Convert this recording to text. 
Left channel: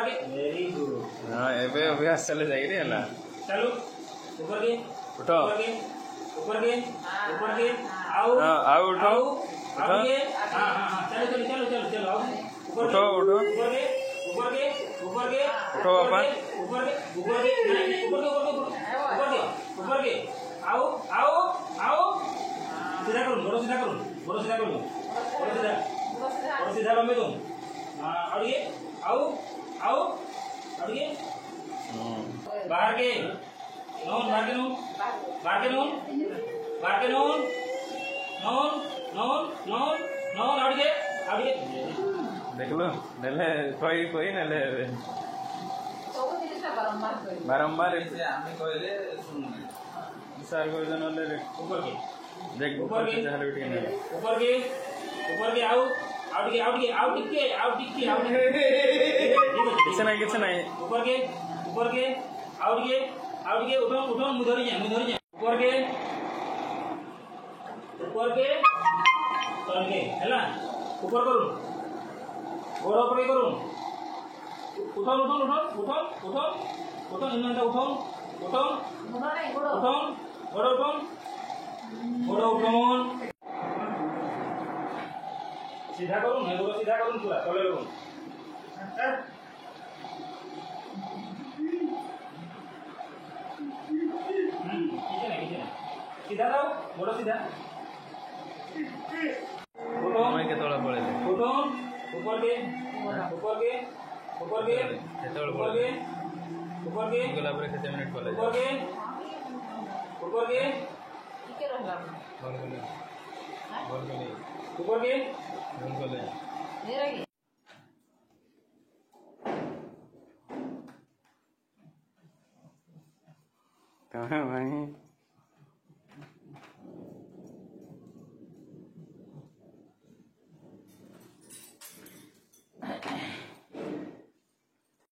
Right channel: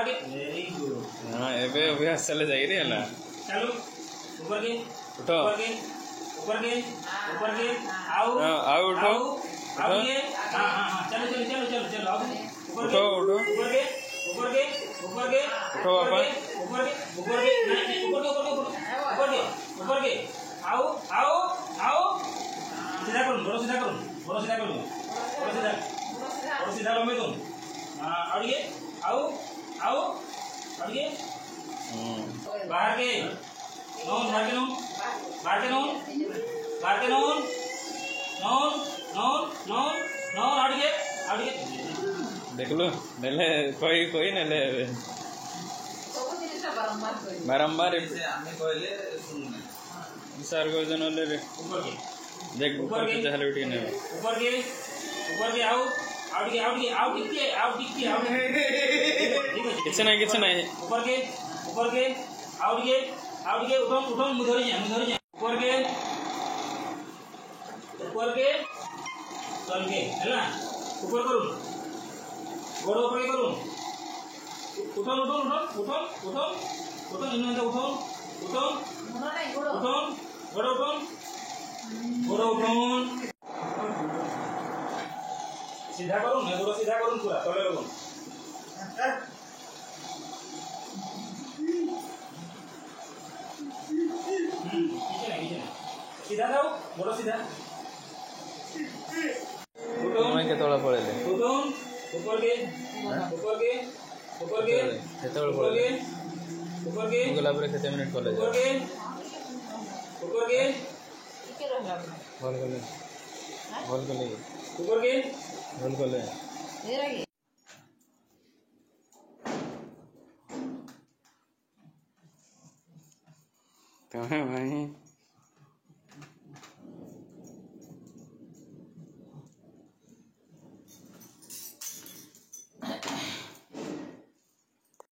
बाहर के very good हां एबे अभ्यास चले जाई रे हला चलो ऊपर के उठो ऊपर के आओ आओ उठो आओ ये हां चलो आओ उठो उठो ऊपर के उठो पापा ऊपर के आओ सीधा करो बड़ो सीधा करो सीधा लंबे तुम और ये आओ और ये बाहर के नून और ये देख लो नले कोई नले बारंबार हमें कहले सुन सर को जन ले ऊपर के देख ऊपर के जहल उठ नहीं ऊपर के आओ टिके किछ नहीं ऊपर के आओ ये उठो मुधरी जा ऊपर के तल के हैला ऊपर करू गोड़ ऊपर करू उठो निन्दा उठो गोड़ उठो सीधा करूँ ना गोड़ सीधा करूँ पूरा तले लगूँ सीधा जाओ गोड़ सीधा मैं के तोला पड़े ऊपर के गेला पूरे 7 मिनट पड़े ऊपर के बोल के कहाँ भाई